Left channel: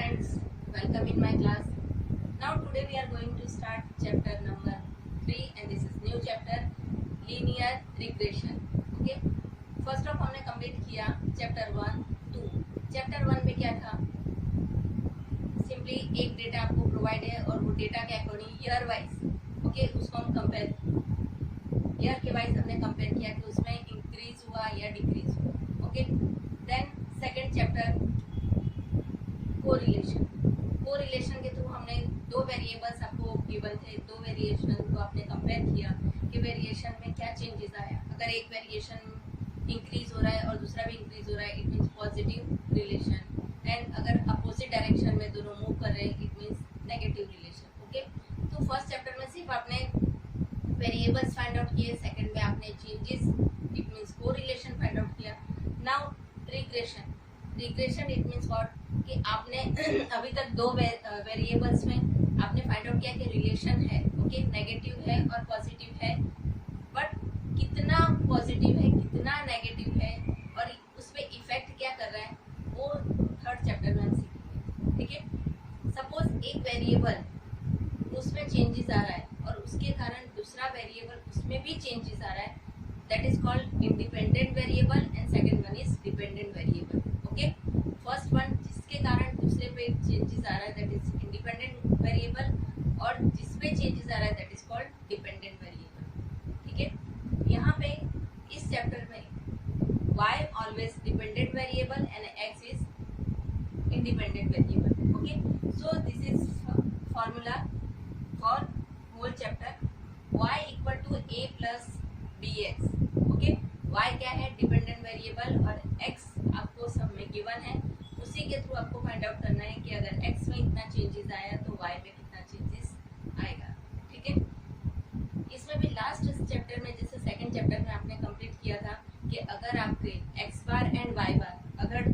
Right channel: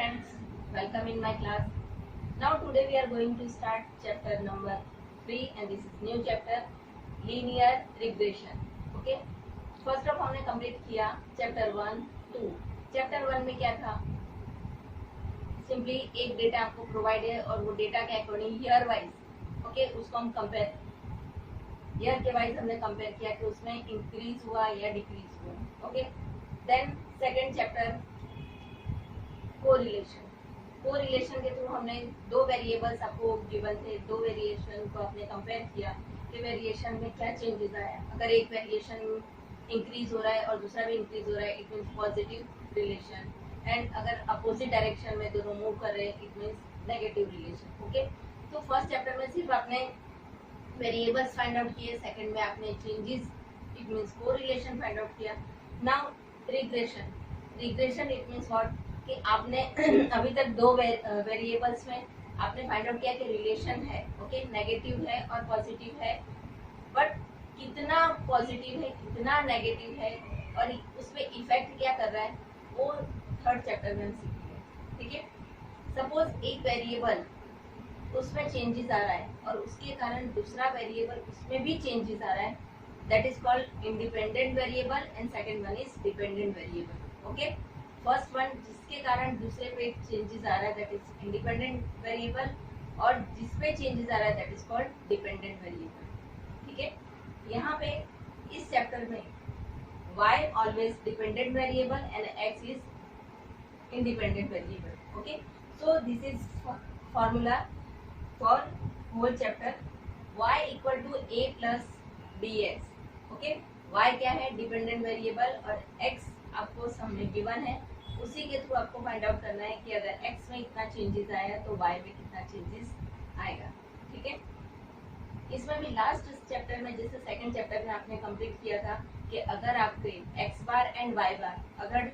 friends, welcome in my class. Now today we are going to start chapter number 3 and this is new chapter linear regression. Okay, first of हमने complete किया chapter 1, 2. chapter 1 में क्या था? Simply एक data आपको provide है और वो डेटा के अकॉर्डिंग ईयर वाइज ओके उसको हम कंपेयर ईयर के वाइज हमने कंपेयर किया कि उसमें इंक्रीज हुआ या डिक्रीज हुआ. Okay, then second chapter correlation के थ्रू हमने दो वेरिएबल्स आपको गिवन थे, दो वेरिएशन को आपने कंपेयर किया कि वेरिएशन में क्या चेंजेस आया. अगर एक वेरिएशन इंक्रीज हो रहा है और दूसरा भी इंक्रीज हो रहा है it means positive relation, and अगर अपोजिट डायरेक्शन में दोनों मूव कर रहे हैं it means negative relation. Okay, तो फर्स्ट चैप्टर में सिर्फ आपने वेरिएबल्स फाइंड आउट किए, सेकंड में आपने changes it means correlation find out किया. Now regression it means what कि आपने अभी तक दो वेरिएबल्स में आपने फाइंड आउट किया कि रिलेशन है. ओके, नेगेटिव है और पॉजिटिव है, बट कितना पॉजिटिव है कितना नेगेटिव है और उस पर इफेक्ट क्या कर रहा है वो थर्ड चैप्टर में हम सीखेंगे. ठीक है, सपोज एक वेरिएबल उसमें चेंजेस आ रहा है और उसके कारण दूसरा वेरिएबल उसमें भी चेंजेस आ रहा है, that is called independent variable and second one is dependent variable. Okay, first one जिसके कारण दूसरे पे चेंजेस आ रहा है दैट इज इंडिपेंडेंट वेरिएबल और जिस पे चेंजेस आ रहा है that is called dependent variable. ठीक है, यहाँ पे इस चैप्टर में y always dependent variable and x is independent variable. Okay, so this is formula for whole chapter. Y equal to a plus bx. Okay, y क्या है dependent variable और x आपको सब में गिवन है, उसी के थ्रू आपको फाइंड आउट करना है कि अगर x में इतना चेंजेस आया तो y में कितना चेंजेस आएगा. ठीक है, इसमें भी लास्ट चैप्टर में जैसे सेकंड चैप्टर में आपने कंप्लीट किया था कि अगर आपके x बार एंड y बार अगर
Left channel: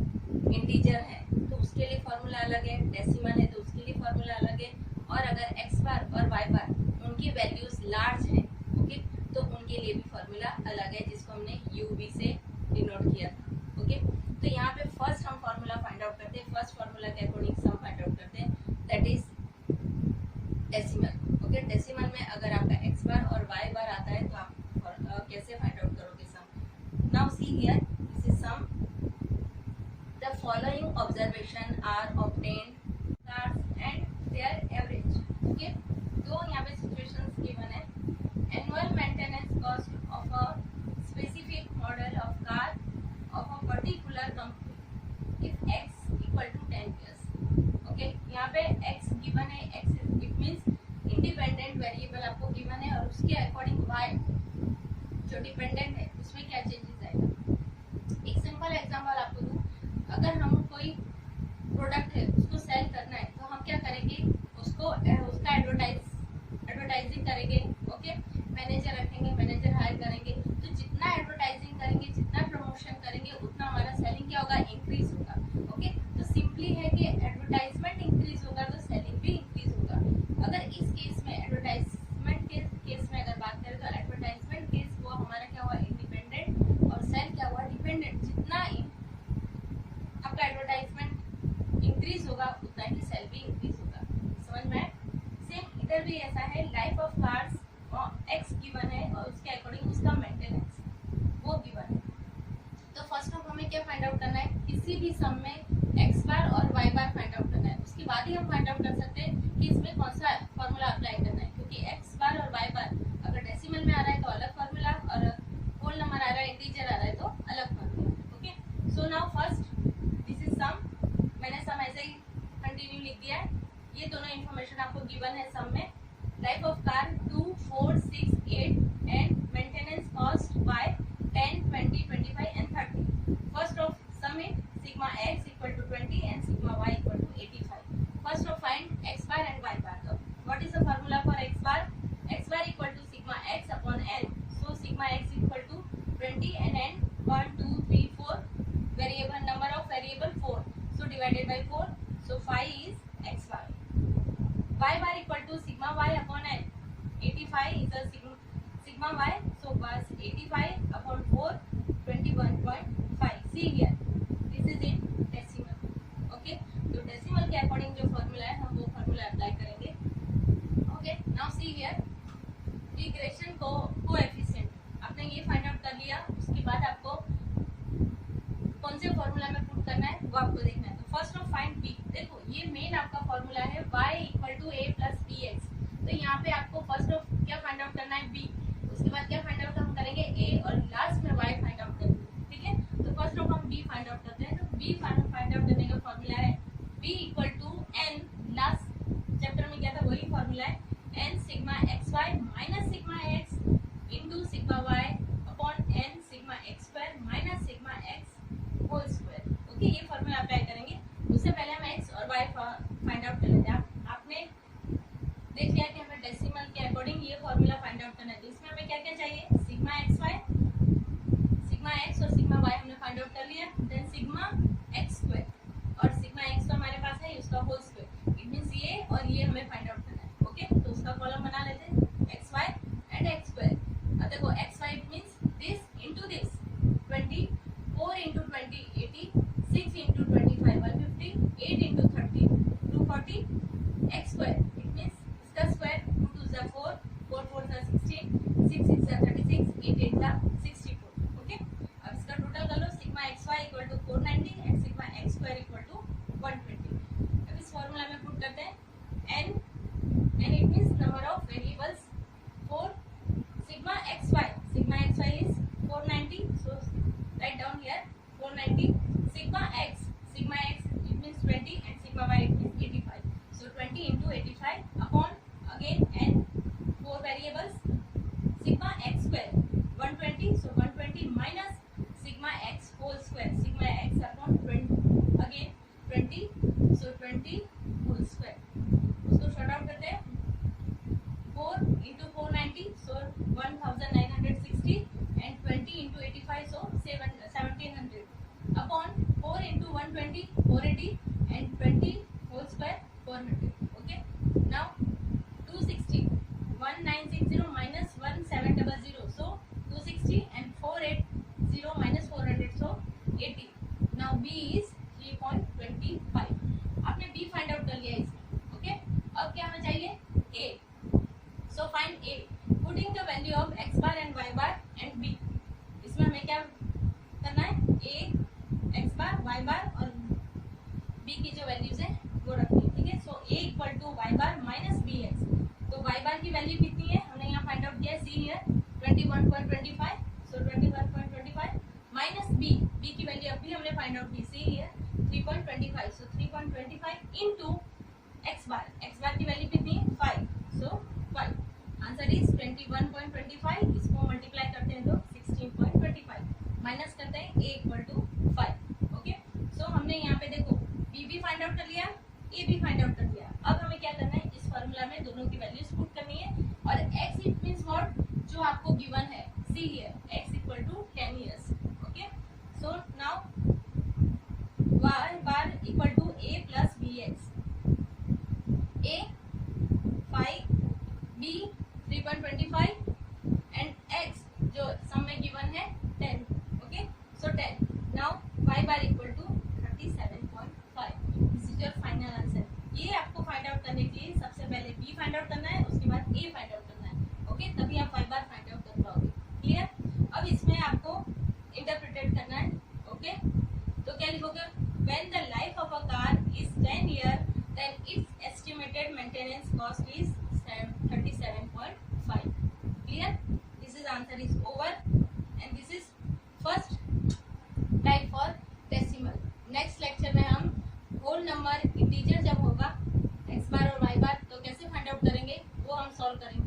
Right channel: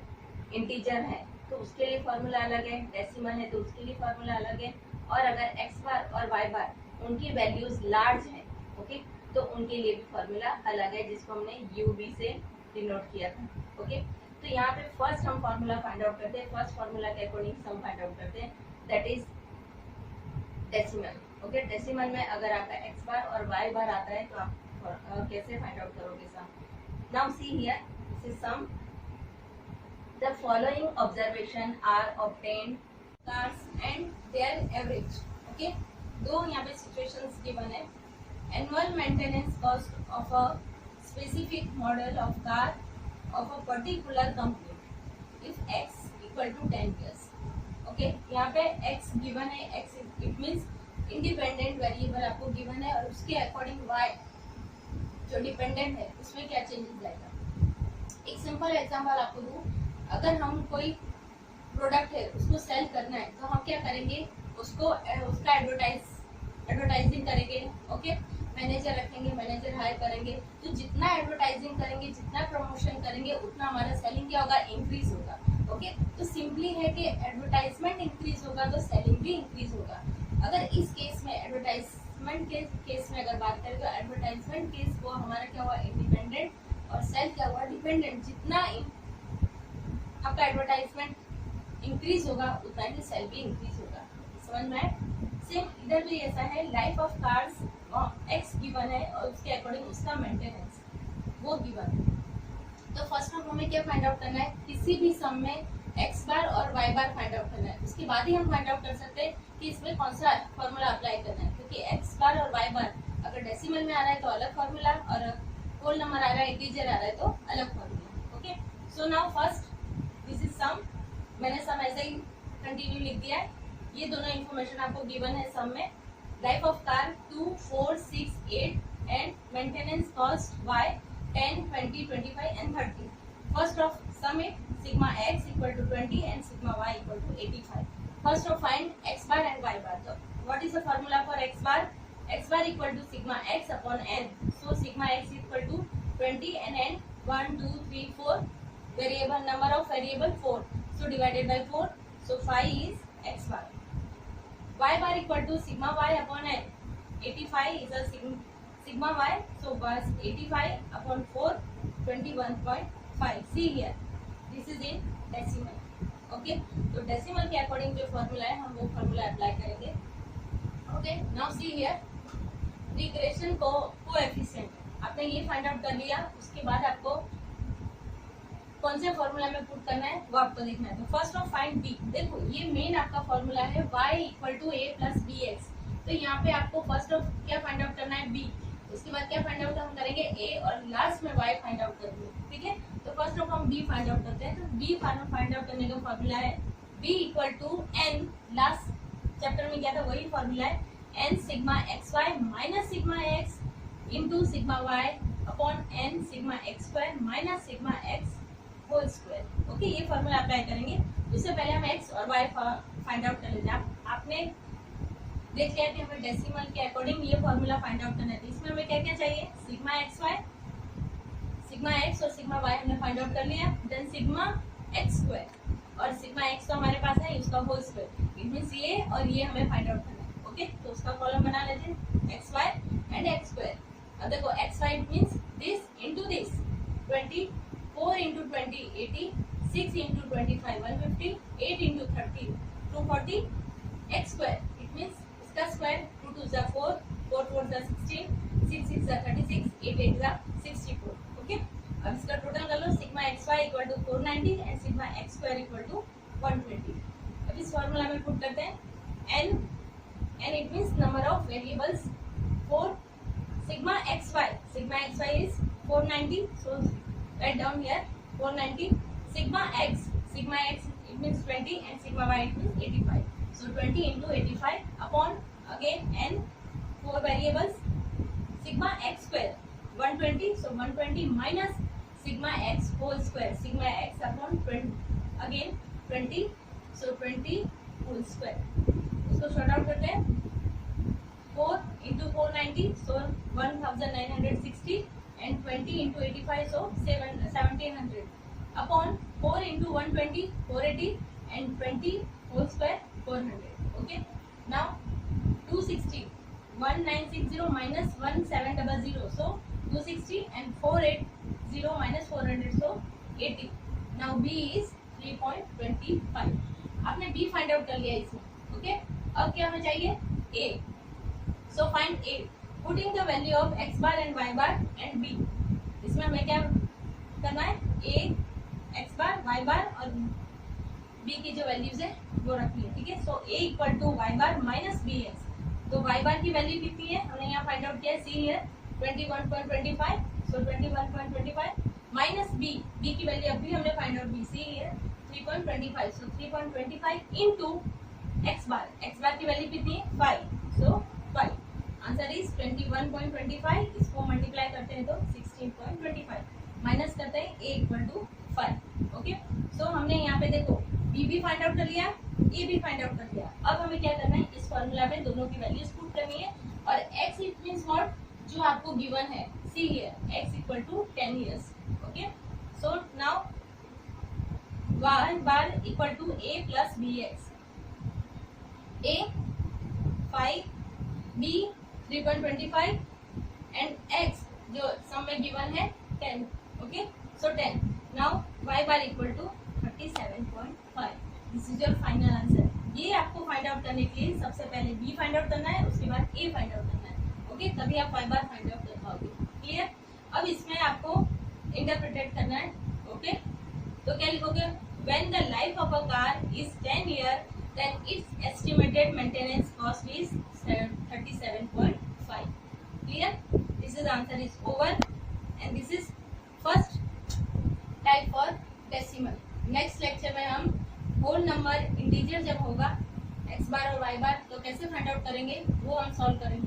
इंटीजर है तो उसके लिए फॉर्मूला अलग है, डेसिमल है तो उसके लिए फॉर्मूला अलग है, और अगर x बार और y बार उनकी वैल्यूज लार्ज है ओके तो उनके लिए भी फॉर्मूला अलग है जिसको हमने UV से डिनोट किया था. ओके, तो यहाँ पे फर्स्ट हम फॉर्मूला फाइंड आउट करते हैं, फर्स्ट फॉर्मूला के अकॉर्डिंग सम फाइंड आउट करते हैं that is decimal. Okay, decimal में अगर आपका x बार और y बार आता है तो आप कैसे फाइंड आउट करोगे sum. Now see here this is sum. The following observation are obtained cars and their average. Okay, दो यहाँ पे सिचुएशंस गिवन है. Annual maintenance cost of a specific model of car of a particular company if x equal to 10 years. Okay, यहाँ पे x given है, x it means independent variable आपको given है और उसके अकॉर्डिंग y जो dependent है उसमें क्या चेंजेस आएगा. एक सिंपल एग्जांपल आपको दूं, अगर हम कोई प्रोडक्ट है उसको सेल करना है तो हम क्या करेंगे उसको उसका एडवर्टाइजिंग करेंगे. ओके, मैनेजर रखेंगे, मैनेजर हायर करेंगे, तो जितना एडवर्टाइजिंग करेंगे जितना प्रमोशन करेंगे उतना हमारा सेलिंग क्या होगा इंक्रीज होगा. ओके, तो सिंपली है कि एडवर्टाइजमेंट इंक्रीज होगा तो सेलिंग भी इंक्रीज होगा. अगर इस केस में एडवर्टाइजमेंट के केस में अगर बात करें तो एडवर्टाइजमेंट केस वो हमारा क्या हुआ इंडिपेंडेंट और सेल क्या हुआ डिपेंडेंट. जितना आपका एडवर्टाइजमेंट इंक्रीज होगा उतना ही सेल भी इंक्रीज होगा. समझ में? सेम इधर भी ऐसा है, life of cars x given है और उसके अकॉर्डिंग उसका मेंटेनेंस वो गिवन है. तो फर्स्ट ऑफ हमें क्या फाइंड आउट करना है, किसी भी सम में x बार और y बार फाइंड आउट करना है. उसके बाद ही हम फाइंड आउट कर सकते हैं कि इसमें कौन सा फॉर्मूला अप्लाई करना है, क्योंकि x बार और y बार अगर डेसिमल में आ रहा है तो अलग फॉर्मूला और होल नंबर आ रहा है इंटीजर आ रहा है तो अलग formula. Okay, so now first this is sum. मैंने सम ऐसे ही कंटिन्यू लिख दिया है. ये दोनों इन्फॉर्मेशन आपको गिवन है सम में. Life of car 2, 4, 6, 8 and maintenance cost y 10, 20, 25 and 30. First of sum it sigma x equal to 20 and sigma y equal to 85. First of find x bar and y bar. So what is the formula for x bar? X bar equal to sigma x upon n. So sigma x equal to 20 and n 1, 2, 3, 4. Variable number of variable 4. So divided by 4. So 5 is x bar. Y bar equal to sigma y upon n. 85 is a sigma y. So was 85 upon 4 21.5. See here, this is in decimal. Okay, so decimal के according जो formula है हम वो formula apply करेंगे। Okay, now see here regression coefficient आपने ये find out कर लिया। उसके बाद आपको कौन से फॉर्मूला में पुट करना है वो आपको देखना है। तो फर्स्ट ऑफ फाइंड बी। देखो ये मेन आपका फॉर्मूला है y equal to a plus B X. तो यहाँ पे आपको फर्स्ट ऑफ क्या फाइंड आउट करना है, b। उसके बाद क्या फाइंड आउट हम करेंगे, a, और लास्ट में y फाइंड आउट करेंगे। ठीक है, तो फर्स्ट ऑफ हम b फाइंड आउट करते हैं। तो b फाइंड आउट करने का फॉर्मूला है b equal to n, last chapter में क्या था वही फॉर्मूला है, n sigma x Y minus sigma X into sigma Y upon n sigma x square minus sigma X whole square. Okay, ये formula apply करेंगे। उससे पहले हम x और y फाइंड आउट कर लेते हैं। आपने देख लिया कि हमें डेसिमल के अकॉर्डिंग ये फॉर्मूला फाइंड आउट करना है। तो इसमें हमें क्या क्या चाहिए, sigma x Y, sigma X और सिग्मा वाई हमने फाइंड आउट कर लिया। देन सिग्मा एक्स स्क्वायर, और सिग्मा एक्स तो हमारे पास है उसका होल स्क्वायर। इट मींस ये और ये हमें फाइंड आउट करना है। ओके, तो उसका कॉलम बना लेते हैं X Y and X square. अब देखो X Y it means this into this, 24 into 20 80, 6 into 25 150, 8 into 30 240 X square. It means इसका स्क्वायर 2 2 जा 4, 4 4 जा 16, 6 6 जा 36, 8 8 जा 64। ओके, अब इसका टोटल कर लो, sigma x y equal to 490 and sigma x square equal to 120। अब इस फॉर्मूला में पुट करते हैं n it means number of variables 4, sigma xy is 490, so write down here 490, sigma x it means 20 and sigma y it means 85, so 20 into 85 upon again n 4 variables, sigma x square 120, so 120 minus sigma x whole square, sigma x upon 20 again 20, so 20 whole square। उसको short out करते हैं, 4 into 490 so 1960 and 20 into 85 so 1700 upon 4 into 120 480 and 20 whole square 400। okay, now 260 1960 minus 1700 so 260 and 480 minus 400 so 80। now b is 3.25। आपने b find out कर लिया इसमें। Okay, अब क्या हमें चाहिए, a। So find a, putting the value of x bar and y bar and b। इसमें हमें क्या करना है, a x bar y bar और b की जो वैल्यूज है वो रखनी है। ठीक है, so a equal to y bar minus b x। तो y bar की वैल्यू कितनी है हमने यहाँ फाइंड आउट किया है, see here 21.25, so 21.25 minus b की वैल्यू अभी हमने फाइंड आउट की, see here 3.25, so 3.25 into x bar की वैल्यू कितनी है 5, so 5। Answer is 21.25। इसको मल्टीप्लाई करते हैं तो 16.25, माइनस करते हैं a इक्वल टू 5। ओके, सो हमने यहाँ पे देखो b भी फाइंड आउट कर लिया, a भी फाइंड आउट कर लिया। अब हमें क्या करना है, इस फॉर्मूला में दोनों की वैल्यूज पुट करनी है। और x इट मींस व्हाट, जो आपको गिवन है, see here x equal to 10 years। Okay, so now y bar equal to a plus bx, a 5, b 3.25 and x जो सम में गिवन है 10। Okay, so 10। Now y bar equal to 37.5। This is your final answer. ये आपको find out करने के लिए सबसे पहले b फाइंड आउट करना है, उसके बाद a फाइंड आउट करना है। ओके, तभी आप y बार फाइंड आउट कर पाओगे। क्लियर? अब इसमें आपको इंटरप्रिटेट करना है। ओके, तो क्या लिखोगे, when the life of a car is 10 years then its estimated maintenance cost is 37.5। clear? This is answer is over and this is first type for decimal। next lecture में हम whole number integer जब होगा x बार और y बार तो कैसे find out करेंगे वो हम सॉल्व करेंगे।